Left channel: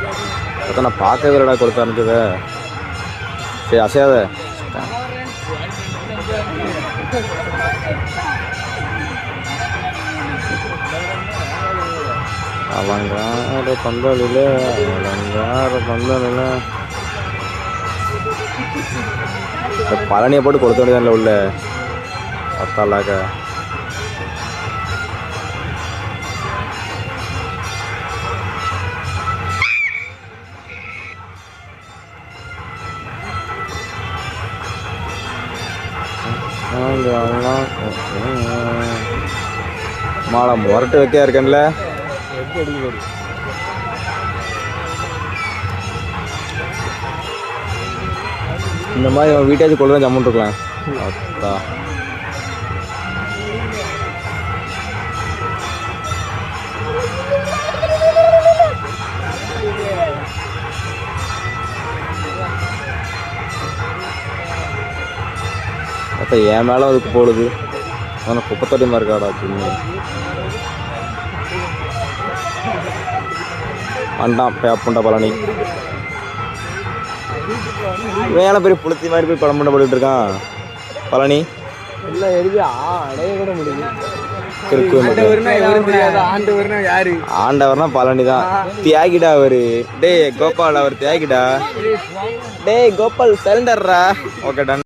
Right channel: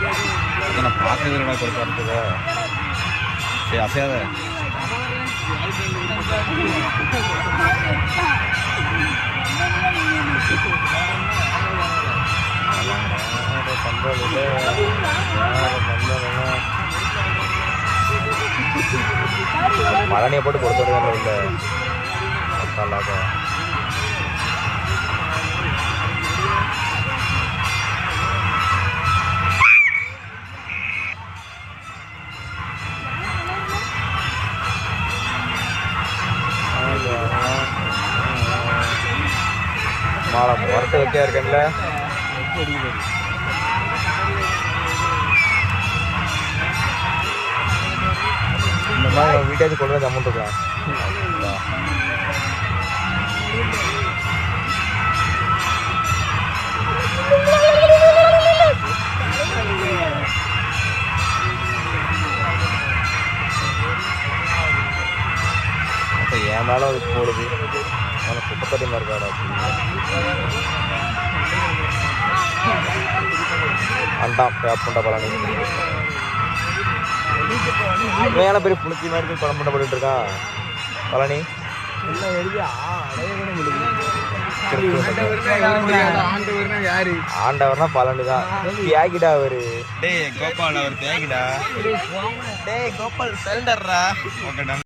அதான் நான் பார்க்கவே இல்லைடா கொடுத்து அனுப்புது சரி அசையாத. அவங்க யாரு இல்லை யாரு இல்லை பழனியை போட்டு கொடுத்த உள்ள? அத்தாலாக்க முரட்டு வைக்க இருக்கேன்ல. இந்த மாதிரி உங்கள் வீட்டேஜ் ஜம்முன் இருக்கலாம் அப்போ என் மேலே அதுக்கு போடுது. ஆனால் குப்பத்தடி மாதிரி இருக்காடா அப்படின்னு அண்டா அப்பா அப்புண்டா பழனி. ஏன் பெரிய புளுத்தி மாதிரி போய் படம் பண்ண போட்டுட்டு இருக்கான். பழனி. ஆண்டவர்னா பழனி தான் தியாகிடா அவரு. டேய் கோபால் அவர் தியாகிடா. டேய் கோபால் சரண்டர்ரா ஓகே டன்